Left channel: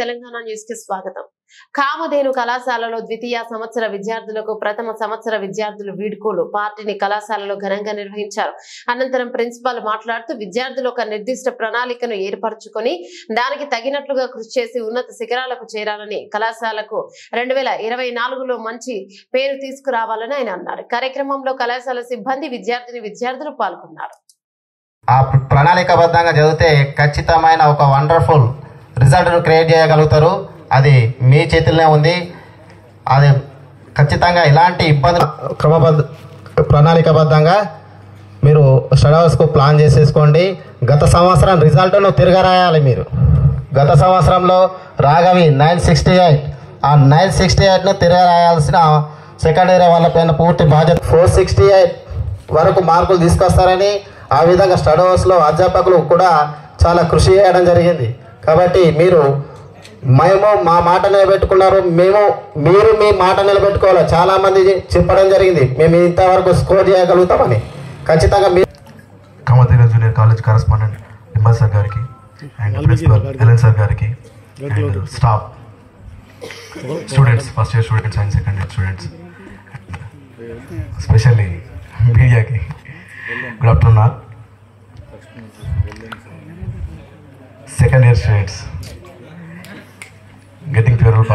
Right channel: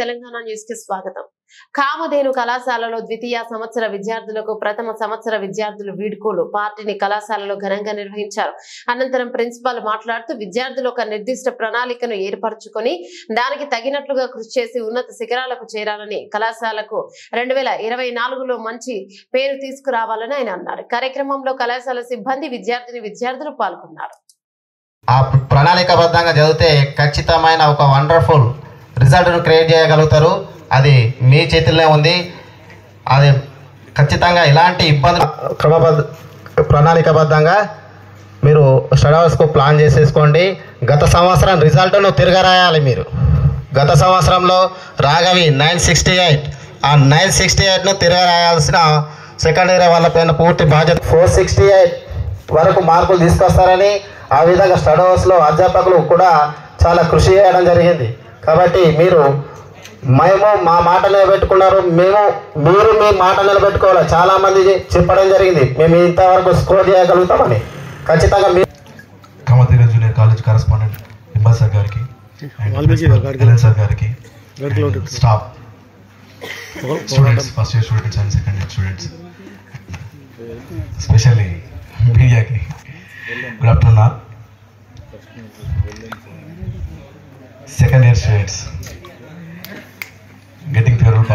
Telangana news కి స్వాగతం. కామధేను కళాశాలలో ద్వితీయ సంవత్సర విద్యార్థులకు ప్రథమ సంవత్సర విద్యార్థులు వీడ్కోలు పార్టీని కళాశాలలో ఘనంగా నిర్వహించారు. అనంతరం ప్రిన్సిపాల్ మాట్లాడుతూ విద్యార్థులు ఒక నిర్దిష్ట ప్రణాళికను ఏర్పరచుకొని దానికి తగినట్లుగా కృషి చేసి ఉన్నత శిఖరాలకు చేరాలని, కళాశాలకు 2024లో మంచి పేరు తీసుకురావాలని ఆయన అన్నారు. కార్యక్రమంలో కళాశాల సిబ్బంది, విద్యార్థులు పాల్గొన్నారు. ఆ ప్రణాళికబద్ధంగా చదివితే ఖచ్చితమైన ఒక వండర్ఫుల్ రిజల్ట్ను క్రియేట్ చేయగలుగుతారు. అది మీ చేతుల్లోనే ఉంది. అది ఖచ్చితంగా ఇలాంటి ఇబ్బందులు ప్రణాళికబద్ధంగా మీరు స్టడీ అవర్స్కు ప్లాన్ చేసేసుకోండి. గత సంవత్సరం రిజల్ట్ను తిరగరాయాలి. మీరు గత సంవత్సరంలో రాఘవి 968, ఆ 968ను తిరగరాయాల్సిన సెకండ్ ఇయర్ వాళ్ళపైన పూర్తి బాధ్యత. 468 వరకు మార్కులు తీసుకొస్తారని, ఆ విధంగా స్టడీ అవర్స్లో అధ్యాపకులు కూడా చాలా కృషి చేయడం జరిగింది. కాబట్టి మేము మా మాట నిలబెట్టుకున్నారు, మీరు మీ మాట నిలబెట్టుకోవాలి. చాలామంది చెప్పడం జరిగింది మేము ఇంతవరకు స్కోర్ చేయగలుగుతామని. ఖచ్చితంగా Kamadhenu junior college correspondent Nimmal sir గారికి అండ్ ప్రిన్సిపల్ ఎలన్ సార్ గారికి, staff, students, first year students and second year students, specially మీడియాకి good afternoon. Second year students getting farewell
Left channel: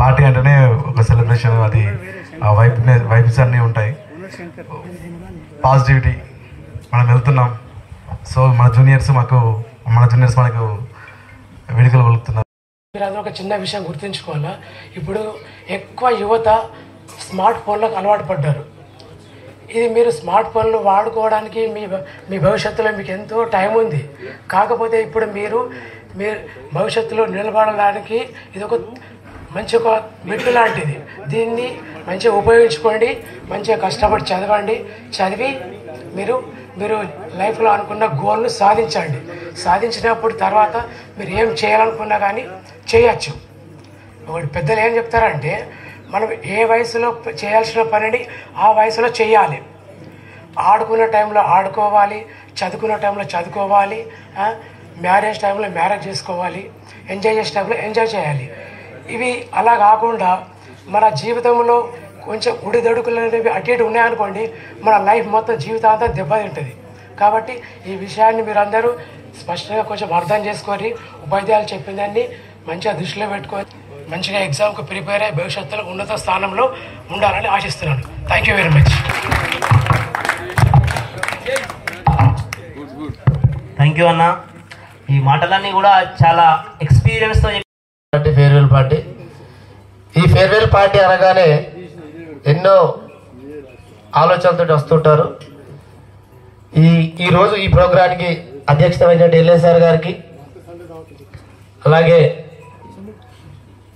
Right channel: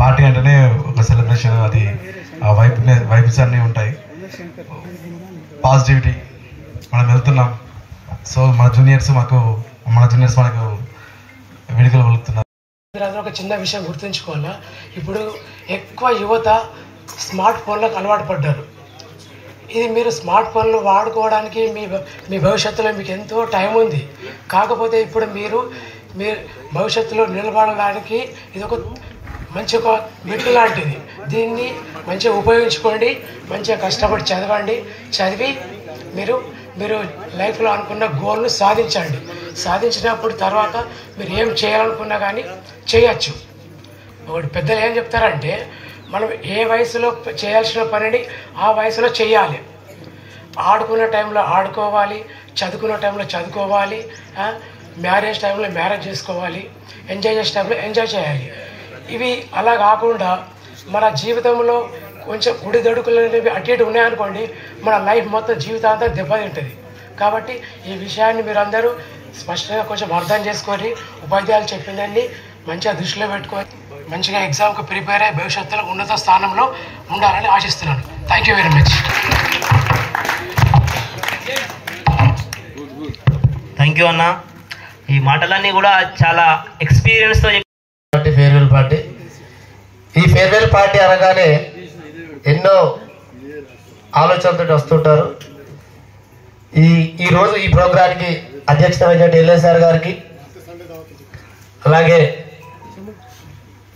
party అంటేనే ఒక సెలబ్రేషన్. అది ఆ వైబ్స్ అన్నీ ఉంటాయి, పాజిటివిటీ. మనం వెళ్తున్నాం. సో మన జూనియర్స్ మనకు వేడుకలు వెళ్తున్నారు. మీరు ఒక చిన్న విషయం గుర్తుంచుకోవాలా, ఇప్పుడు ఎక్కువ యువత స్మార్ట్ ఫోన్లకు అలవాటు పడ్డారు. ఇది మీరు స్మార్ట్ ఫోన్లు వాడుకోవడానికి మీ భవిష్యత్తులో మీకు ఎంతో టైం ఉంది. కాకపోతే ఇప్పుడు మీరు భవిష్యత్తులో నిలబడడానికి ఇది ఒక మంచి ఒక మెట్టు లాంటిది. దీన్ని మంచిగా ఉపయోగించుకోండి, మంచిగా కష్టపడి చదవండి. చదివి మీరు లైఫ్లో అనుకున్న గోల్ను సాధించండి. సాధించినప్పుడు తర్వాత మీరు ఏం చేయాలనుకున్నా కానీ చేయచ్చు. ఒకటి పెద్దలు ఏం చెప్తారంటే, మనం ఏ వయసులో చేయాల్సిన పనిని ఆ వయసులో చేయాలి. ఆడుకున్న టైంలో ఆడుకోవాలి, చదువుకున్న టైంలో చదువుకోవాలి, మ్యారేజ్ టైంలో మ్యారేజ్ చేసుకోవాలి, ఎంజాయ్ చేసే టైంలో ఎంజాయ్ చేయాలి. ఇవి అలా కాకుండా మన జీవితంలో కొంచెం ఉడిదడుకులు అనేవి అటు ఇటు ఉన్నాయనుకోండి, మన లైఫ్ మొత్తం జీవితాంతం దెబ్బతింటుంది. కాబట్టి ఈ విషయాన్ని మీరు అందరూ స్పష్టంగా కొంచెం అర్థం చేసుకొని, ఉపాధ్యాయులు చెప్పిందాన్ని మంచిగా దృష్టిలో పెట్టుకొని మంచిగా ఎగ్జామ్కి ప్రిపేర్ అయ్యి భవిష్యత్తులో ఉన్నత స్థానంలో ఉండాలని ఆశిస్తున్నాను. Thank you very much. Thank you అన్న. ఈ మాటలన్నీ కూడా చాలా ఎక్స్పీరియన్స్తో ఫేర్వెల్ పార్టీ. ఈ ఫేర్వెల్ పార్టీ అనగానే ఎన్నో ఆలోచనలతో వస్తుంటారు. ఈరోజు ఈ ప్రోగ్రాంకి అధ్యక్షత వహించిన ఎల్ఏ సార్ గారికి, అలాగే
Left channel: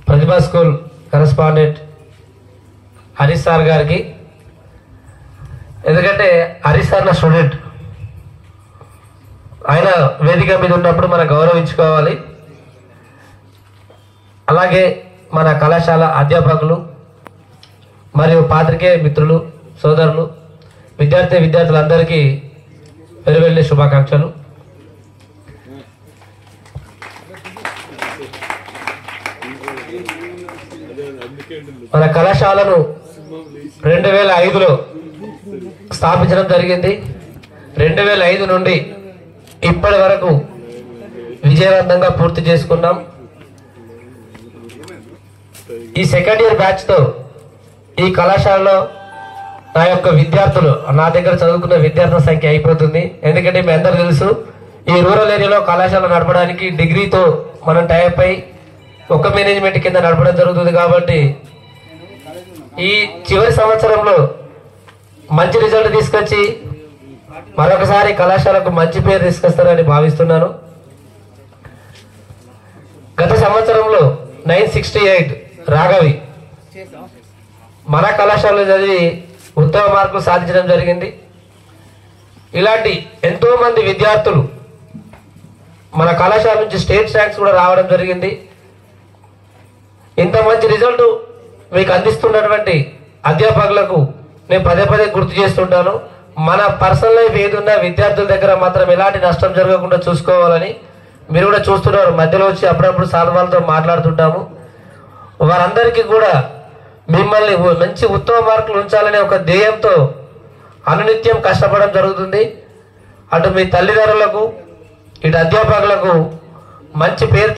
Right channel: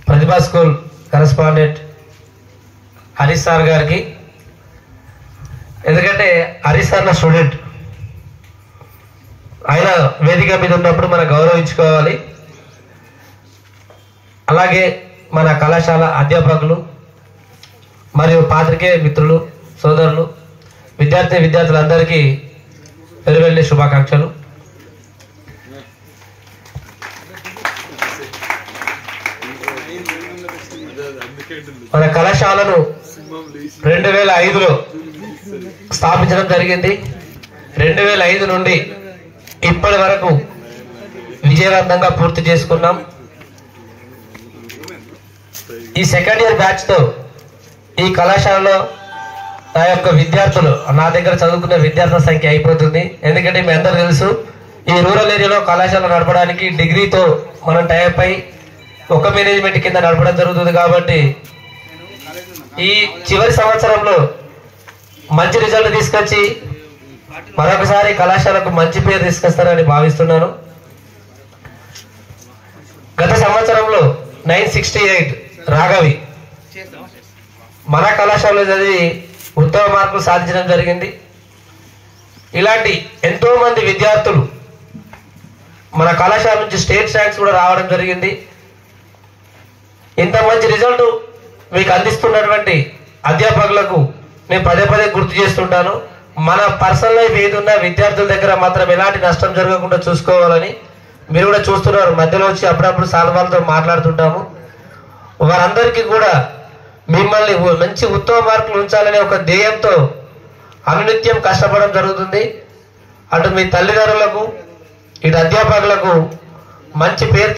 ప్రతిభా స్కూల్ కరెస్పాండెంట్ హరీష్ సార్ గారికి, ఎందుకంటే హరీష్ సార్ నా స్టూడెంట్, ఆయన వేదిక మీద ఉన్నప్పుడు మనం గౌరవించుకోవాలి. అలాగే మన కళాశాల అధ్యాపకులు మరియు పాత్రికేయ మిత్రులు, సోదరులు, విద్యార్థులందరికీ ఫేర్వెల్ శుభాకాంక్షలు. మన కళాశాలను 2005లో స్థాపించడం జరిగింది. 2005 నుండి ఇప్పటి వరకు విజయవంతంగా పూర్తి చేసుకున్నాం. ఈ సెకండ్ ఇయర్ బ్యాచ్తో ఈ కళాశాలలో నా యొక్క విద్యార్థులు, నా దగ్గర చదువుకున్న విద్యార్థుల సంఖ్య అయిపోతుంది. ఎందుకంటే మీ అందరూ తెలుసు, ఈ రూరల్ ఏరియాలో కళాశాల నడపడానికి డిగ్రీతో మనం టైప్ అయి ఒక మేనేజ్మెంట్ కింద నడపడం జరుగుతుంది. కాబట్టి ఈ చివరి సంవత్సరంలో మంచి రిజల్ట్ తీసుకొచ్చి మరొకసారి కళాశాలకు మంచి పేరు తీసుకొస్తారని భావిస్తున్నాను. గత సంవత్సరంలో 968 రాఘవి మన కళాశాలలో చదివి ఉత్తమ మార్కులు సాధించడం జరిగింది. ఇలాంటి ఎంతో మంది విద్యార్థులు మన కళాశాల నుంచి స్టేట్ ర్యాంక్స్ కూడా రావడం జరిగింది. ఇంత మంచి రిజల్ట్ మీకు అందిస్తున్నటువంటి అధ్యాపకులకు నేను పదే గుర్తు చేస్తుంటాను. మన పర్సనల్ లైఫ్ ఏదున్నా విద్యార్థుల దగ్గర మాత్రం ఎలాంటి నష్టం జరగకుండా చూసుకోవాలని మీరు కూడా చూస్తున్నారు, మధ్యలో వచ్చి అప్పుడప్పుడు సార్ వాళ్ళతో మాట్లాడుతుంటాము. వారందరికీ కూడా మిమ్మల్ని మంచి ఉత్తమ మార్కులు ఉంచాలనే ఒక ధ్యేయంతో అనునిత్యం కష్టపడడం జరుగుతుంది. అటు మీ తల్లిదండ్రులకు ఇటు అధ్యాపకులకు మంచి పేరు